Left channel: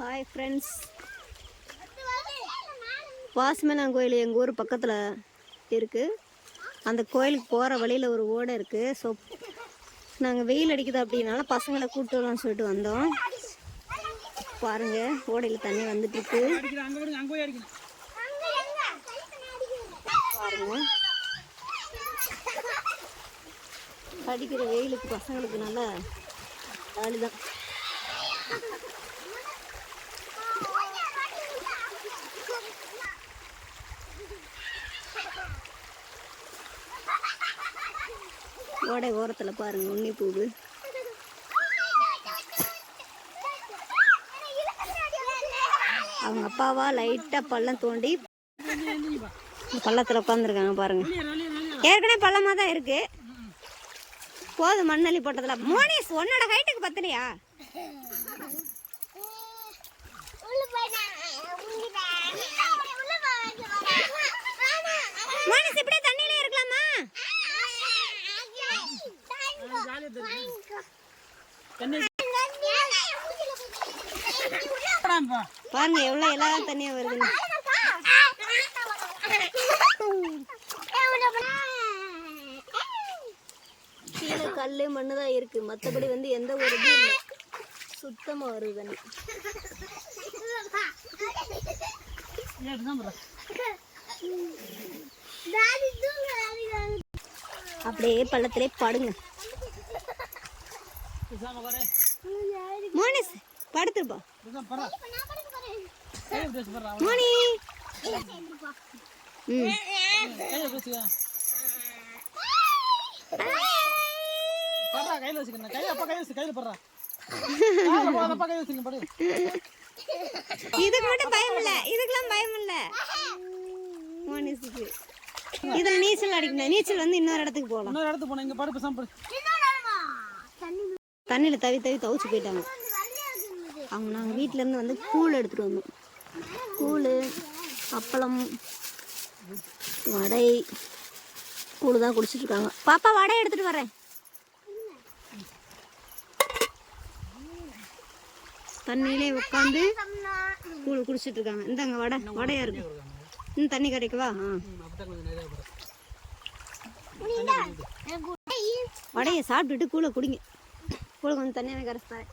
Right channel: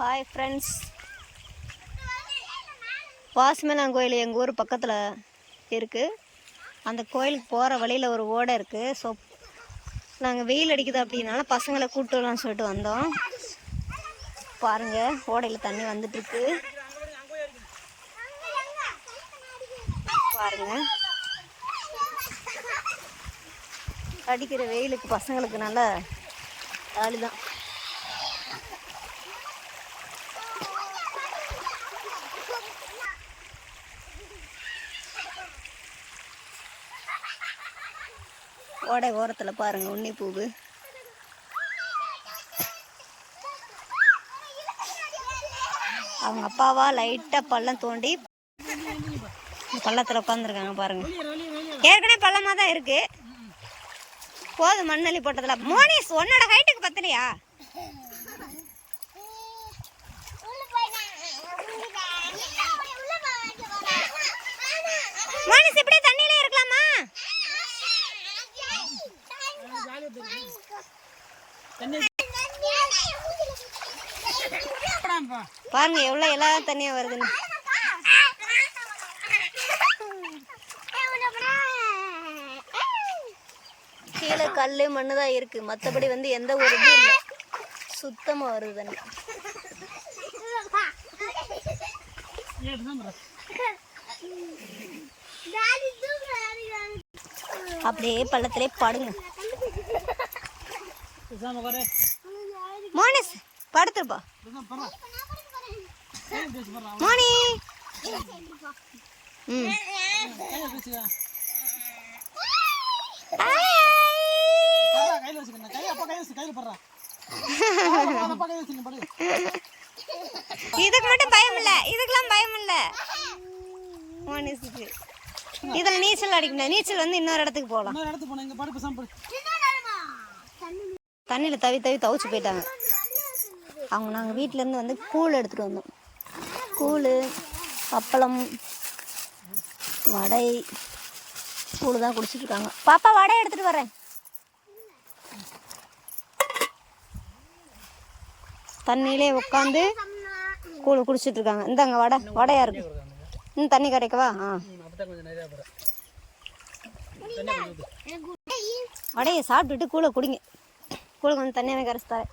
Hi friends, வாசுமேலான் கோயில் எங்கள் ஊர் பக்கத்தில் இருக்குது. அந்த கோயிலுக்கு போகிற வழியில் ஒரு ஓடை இருக்குது. ஸோ நாங்கள் வெயில் அடிக்குது அப்படின்னால பசங்களை கூப்பிட்டு வரலாம்னு சொல்லிட்டு வந்தோம். பாருங்கள், ஓடையில் தண்ணி வந்துட்டுருக்கு. பாருங்கள், அடிக்கிற வெயிலுக்கு பசங்களுக்கு நல்ல ஜாலி தான். ஓடை ஓரத்தில் பாருங்கள் உன்னி பூவு. அவங்க அப்பாவா லைட்டாக பள்ளம் தோண்டி பள்ளத்தில் உட்காந்துருக்காங்க பாருங்கள். ஏற்கனவே பள்ளமாக தான் இருக்குது. போதும் மண்ணள்ளி போட்டதில். மோனிஸ், உன்னோட ஹைட்டுக்கு பத்தலையா? மோனிஸ், இப்படியே தண்ணியிலே இருக்கலாமா? பாருங்க எவ்வளவு எல்லா தண்ணியா வருதுன்னு. கீழே கல்லு மண்ணு தான் இருக்கு, மற்றபடி எந்த ஒரு இதுவும் இல்லை. சுத்தமா வருது தண்ணி. அப்படியே பள்ளத்திலே படுங்க. மோனிஸ், படுத்துருப்பா. மோனி, இதுக்கு மட்டும் பயம் இல்ல, இதுக்கெல்லாம் பயம் இல்ல மோனிஸுக்கு. இதுல நீச்சல் அடிக்கணும். நீச்சல் இன்னொரு இடத்துக்கு போகலாம். தண்ணியில தவி தவி தவிச்சு போயிட்டாங்க அவங்க. நாங்கள் வீட்டிலேருந்து கூழ் எடுத்துகிட்டு வந்தோம். கூழ், அப்பளம், வடை, கூழ் தான் குடிச்சிட்டு இருக்காங்க. பாப்பா, வடை எடுத்துகிட்டு வரேன். தண்ணியிலே உட்காந்து கூழ் குடிச்சிட்டு இருக்காங்க. இந்தாங்க வடை, வடையா இருக்கு. இன்னும் தண்ணி கிடைக்கவா? வடையை சாப்பிட்டுட்டு கூழை குடிங்க. கூழை கொஞ்சம் தண்ணியாக கரைச்சி தரேன்.